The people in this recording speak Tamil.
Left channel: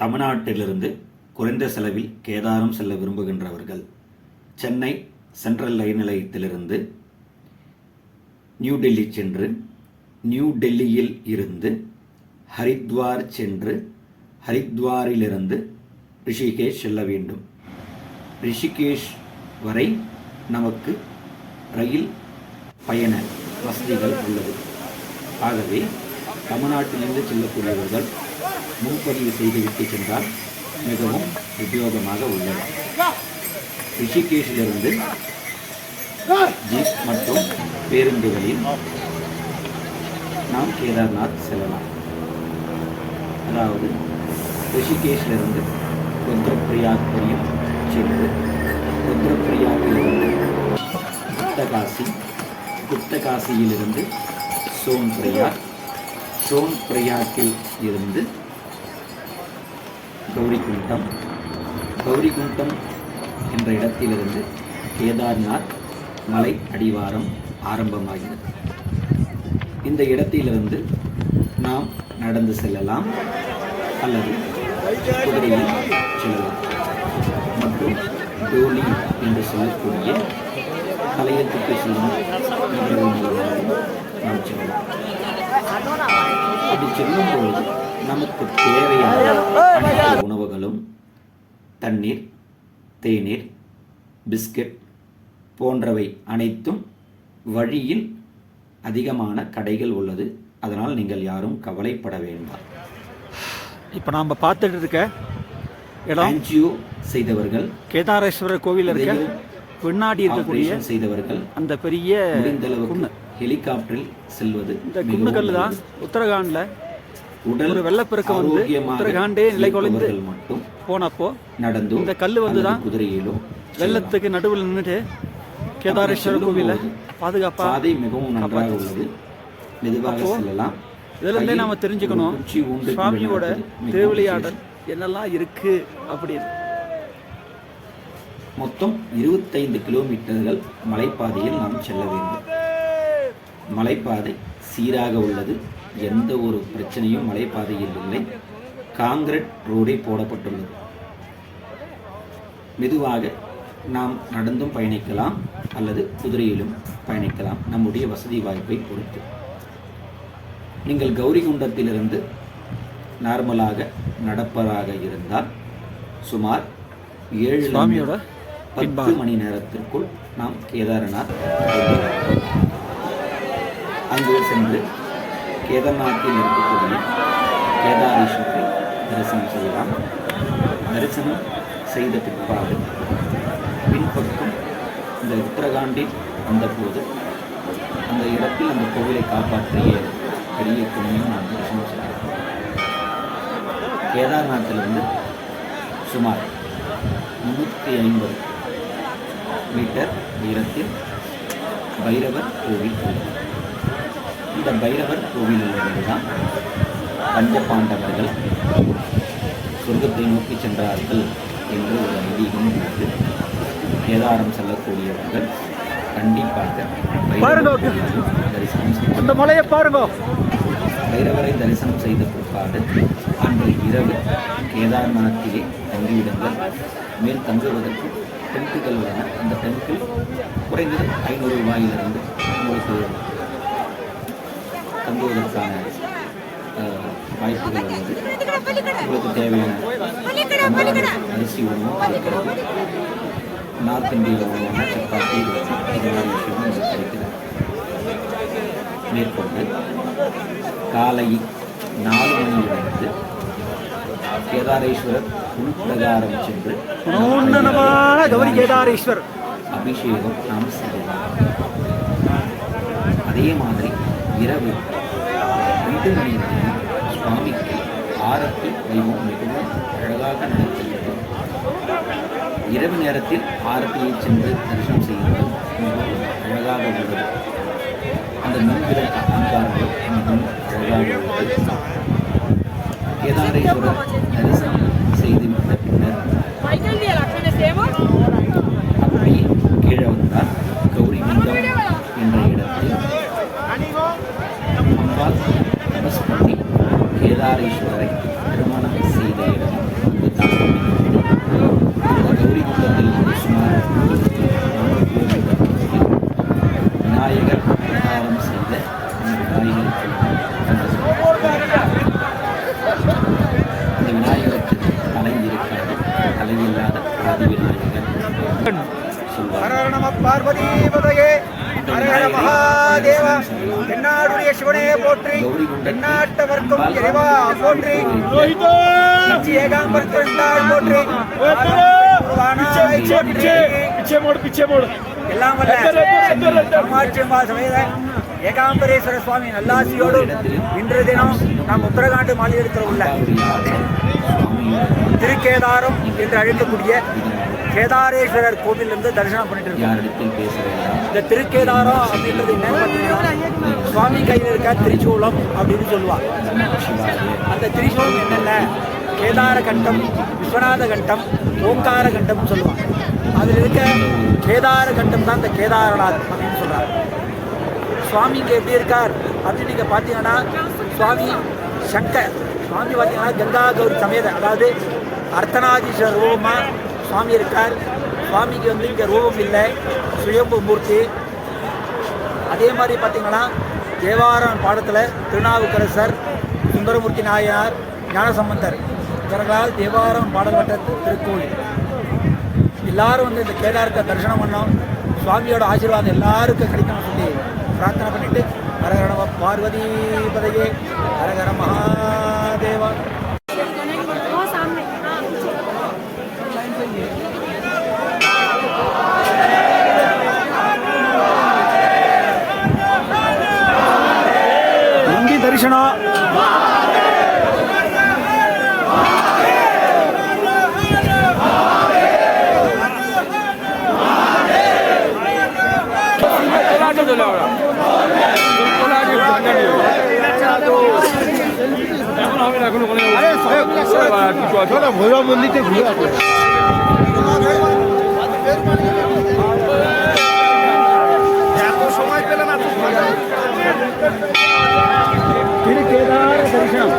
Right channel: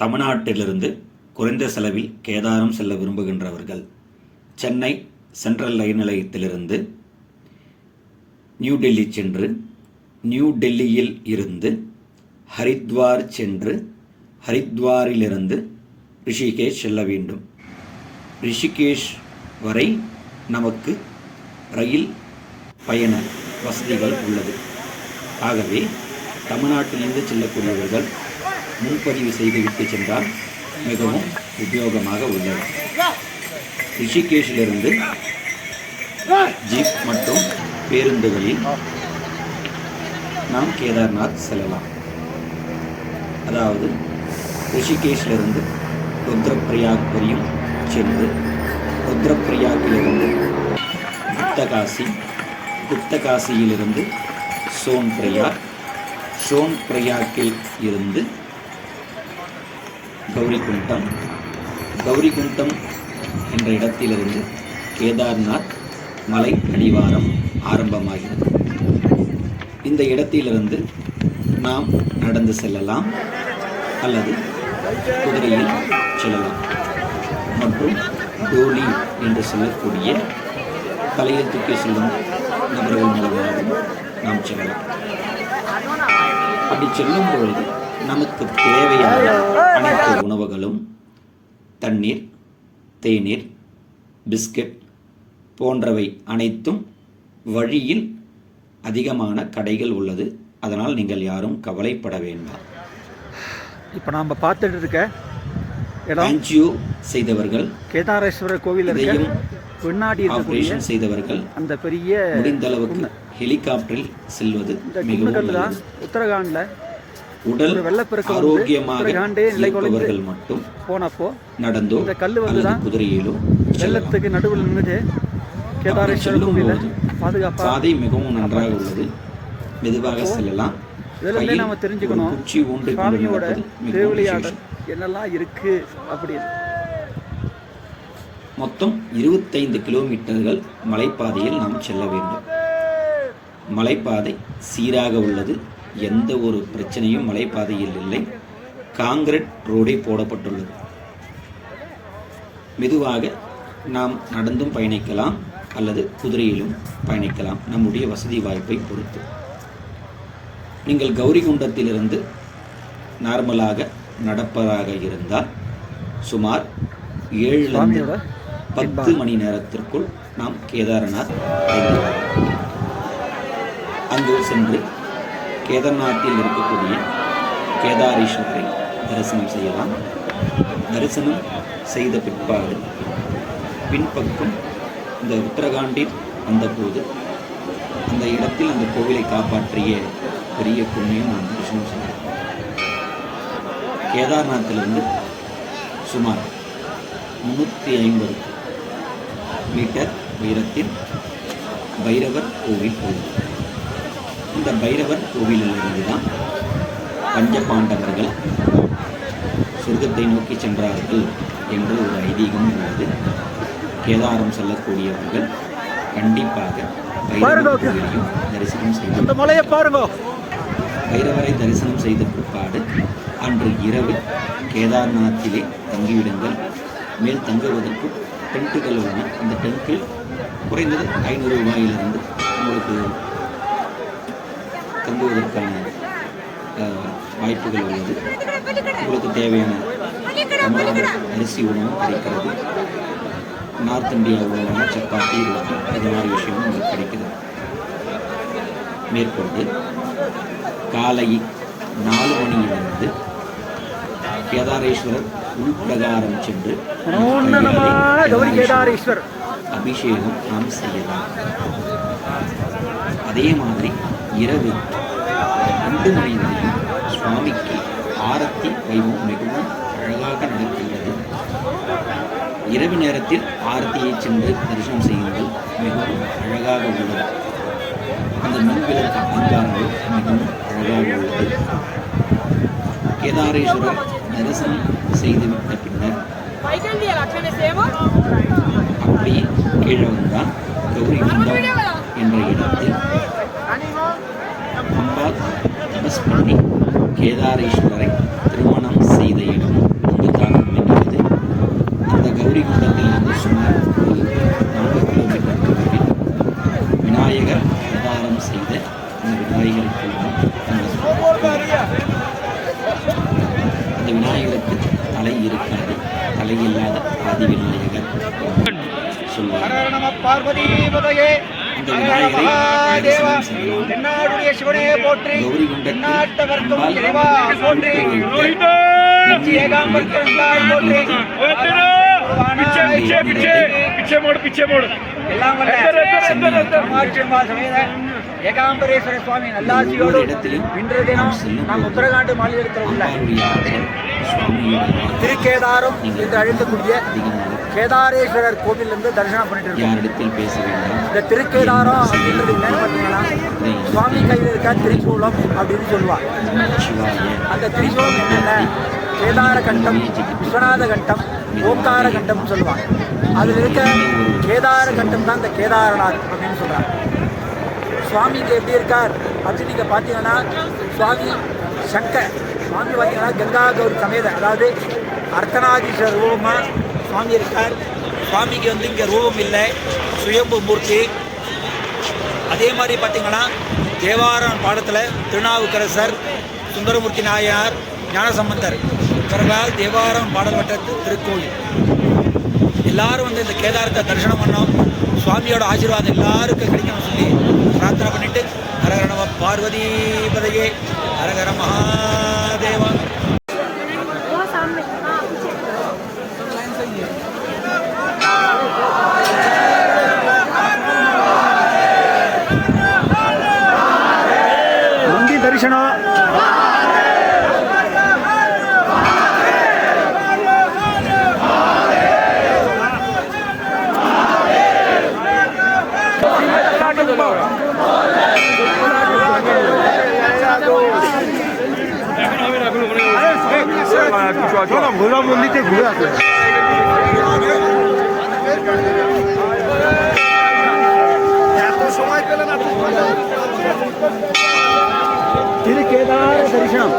தமிழ்நாட்டிலிருந்து குறைந்த செலவில் கேதாரம் செல்ல விரும்புகின்றவர்கள் சென்னை சென்ட்ரல் ரயில் நிலையத்திலிருந்து நியூ டெல்லி சென்று நியூ டெல்லியில் இருந்து ஹரித்வார் சென்று ஹரித்வாரிலிருந்து ரிஷிகேஷ் செல்ல வேண்டும். ரிஷிகேஷ் வரை நமக்கு ரயில் பயண வசதிகள் உள்ளது. ஆகவே தமிழ்நாட்டிலிருந்து செல்லக்கூடியவர்கள் முன்பதிவு செய்துவிட்டு சென்றால் மிகவும் உபயோகமாக உள்ளது. ரிஷிகேஷிலிருந்து ஜீப் மற்றும் பேருந்துகளில் நாம் கேதார்நாத் செல்லலாம். அதாவது ரிஷிகேஷிலிருந்து ருத்ரப்பிரயாக் வரையும் சென்று ருத்ரப்பிரயாக்கிலிருந்து குப்தகாசி குப்தகாசியிலிருந்து சோன் பிரயாக் சோன் பிரயாக்கில் இருந்து கௌரிகுண்டம். கௌரிகுண்டம் என்ற இடத்திலிருந்து கேதார்நாத் மலை அடிவாரம் ஆரம்பமாகிறது. இந்த இடத்திலிருந்து நாம் நடந்து செல்லலாம் அல்லது குதிரையில் செல்லலாம். மற்றும் டோலி என்று சொல்லக்கூடிய கலையத்துக்கு செல்லும் நபர்கள் மூலமாகவும் நாம் செல்லலாம். அப்படி செல்லும் பொழுது நமக்கு தேவையான அனைத்து உணவுகளும் தண்ணீர் தேநீர் பிஸ்கட் போன்றவை அனைத்தும் வழியில் அதிகமான கடைகள் உள்ளது. அதனால் நீங்கள் யாரும் கவலைப்பட வேண்டாம். இப்போ நாம் பார்த்துட்டு இருக்க இடம் செய்தவர்கள் கேதாரேஸ்வரர் கோவில் இருக்க பின்னாடி இருக்கக்கூடிய செய்தவர்கள் அந்த பெரிய முடிந்த அளவுக்கு ஹெலிகாப்டரில் செல்வது இந்த மிகவும் தான். உத்தரகாண்டில் உடல் வெள்ளப்பெருக்கம் வந்து நிலை மட்டும் போனப்போ நடந்தோ இந்த கல்லு வந்து தான் குதிரையிலோ வெள்ளத்துக்கு நடுவில் நின்றுட்டு கேதாரேஸ்வரர் போது பாதுகாப்பாக பாதை மிகவும் நன்றாக உள்ளது. மெதுவாக செல்லலாம். இதுலேருந்தே கையில் நாம தெரிஞ்சுக்கணும் சுவாமியோட திருவிளையாடல். என்னெல்லாம் இருக்கு அப்படின்னு. மொத்தம் இருபத்தைந்து கிலோமீட்டர்கள் மலைப்பாதையில் நாம் செல்ல வேண்டும். மலைப்பாதை சீராக உள்ளது. எந்த ஒரு பிரச்சனையும் மலைப்பாதையில் இல்லை. காங்கிரட் ரோடே போடப்பட்டுள்ளது. மெதுவாக நாம் நடந்தும் பயணிக்கலாம் அல்லது குதிரையிலும் பயணிக்கலாம். நம்முடைய வசதி வாய்ப்பை பொறுத்து. நீங்கள் கௌரிகுண்டத்திலிருந்து நார்மலாக நடப்பதாக இருந்தால் சுமார் ஏழு பத்து மணி நேரத்திற்குள் நாம் கேதார்நாத். அங்கு சென்று கேதார்நாத்தில் இருக்கக்கூடிய கேதாரீஸ்வரரை தரிசனம் செய்யலாம். தரிசனம் செய்த பிற்பாடு பின்பக்கம் இந்த உத்தரகாண்டில் வந்தபோது அந்த இடத்தில் அந்த கோவிலை காப்பாற்றிய பெரிய புண்ணியம் நாம் தரிசனம் செய்யலாம். கேதார்நாத்திலிருந்து சுமார் முந்நூற்றி ஐம்பது மீட்டர் உயரத்தில் பைரவர் கோவில் உள்ளது. இந்த பைரவர் கோவிலிலிருந்து தான் பஞ்சபாண்டவர்கள் சொர்க்கத்தை நோக்கி சென்றார்கள் என்று ஒரு ஐதீகம் உள்ளது. கேதாரம் செல்லக்கூடியவர்கள் கண்டிப்பாக தரிசனம் செய்ய அந்த மலையை பாருங்க. பைரவரை தரிசனம் செய்த பிற்பாடு அன்று இரவு கேதார்நாத்திலே தங்கிவிடுங்கள். மேல் தங்குவதற்கு டென்ட்டுகள் உள்ளன அந்த டென்ட்டில் குறைந்தது ஐநூறு ரூபாயிலிருந்து உங்களுக்கு தங்குவதற்கான வாய்ப்புகள் உள்ளது. உங்களுக்கு தேவையான தமிழ்நாடு அரிசி உணவும் கிடைக்கிறது. நார்த் இந்தியா உணவான சப்பாத்தி ரொட்டி இது மாதிரி விஷயமும் உங்களுக்கு கிடைக்கிறது. மேற்கொண்டு காலை நாலு மணியிலிருந்து கேதாரேஸ்வரர் உள்பிரகாரம் சென்று மனோன்னதமான கௌரி கேதாரேஸ்வர். அபிஷேகம் நாம் செய்யலாம். அதே மாதிரி இரவு இந்து மணியினுடைய சுவாமிக்கு ஆரத்தி வைபவம் மிகவும் அழகாக நடத்தியது இரவு நேரத்தில் ஆரத்தியை சென்று தரிசனம் செய்யுங்கள் மிகவும் அழகாக உள்ளது. அந்த மின்விளக்கு அலங்காரங்கள் மிகவும் அழகாக உள்ளது. கேதாரேஸ்வரர் தரிசனம் செய்து பின்னர் அப்படியே கீழே வந்தால் கௌரி குண்டம் என்ற இடத்தில். அம்பாள் அனுஸ்மிருதி கேதாரேஸ்வரை திருமணம் செய்த இடம் இதுதான். அந்த கௌரி குண்டத்திலிருந்து சுமார் ஒரு நான்கு கிலோமீட்டர் தூரத்தில் விநாயகர் அவதாரம் செய்த அந்த விநாயகர் அந்த விநாயகருக்கு தலை இருக்காது தலையில்லாத ஆதி விநாயகர் சொல்வார் பார்வதி மகாதேவா தென்னாடுடைய சிவனே போற்றி. தென்னாட்டவர்க்கும் இறைவா போற்றி. நச்சி ஏகாம்பரத்தாய் போற்றி. எல்லாம் வல்ல. சமேத. ஏகாம்பரேஸ்வர சுவாமி நல்லாசியோடு இன்று தினம் நாம் உத்தரகாண்ட் மாநிலத்தில் உள்ள திருக்கேதாரம் என்று அழைக்கக்கூடிய கேதாரேஸ்வரர் கோவிலிருந்து தரிசனம் பண்ணிட்டு இருக்கோம் இந்த திருக்கேதாரம் அப்படின்றது என்னன்னு பார்த்தீங்கன்னா சுவாமி கையில் இருக்க திரிசூலம் அப்படின்னு சொல்லுவாங்க அந்த திரிசூலம் என்னென்ன? கேதார கண்டம் விஸ்வநாத கண்டம் ஓங்கார கண்டம் சொல்லுவாங்க அதில் இருக்க கேதார கண்டம் தான் இந்த கேதாரநாத் அப்படின்னு சொல்கிறாங்க சுவாமிக்கு எப்படி இருக்கார் அப்படின்னு நீங்கள் பார்த்தீங்கன்னா சுவாமி சங்கர் சுவாமி பார்த்தீங்கன்னா கங்கா கௌரி சமேத அதாவது அர்த்தநாதீஸ்வரர் ரூபமாக சுவாமி இருக்கார். சுவாமிக்கு வந்து இங்கே ரூபம் இல்லை. சுயம்பு மூர்த்தி. அதே மாதிரி பார்த்தீங்கன்னா தேவாரம் பாடத்தில் திருநாவுக்கரசர் சுந்தரமூர்த்தி நாயனார் ஞானசம்பந்தர். இவர்களால் தேவாரம் பாடல் வட்டத்து திருக்கோயில் எல்லாரும் வந்து இந்த கேதாரத்தை தரிசனம் பண்ணோம். சுவாமியோட ஆசீர்வாதம் எல்லாருக்கும் கிடைக்கணும்னு சொல்லி பிரார்த்தனை பண்ணிட்டு ஹரகரண பார்வதி பதையே ஹரகர மகாதேவா. কৃষ্ণ ভোলা মন্দিরকে ঘুরে আসবে এত সময় পেলে না। திரு கேதார தரிசனம்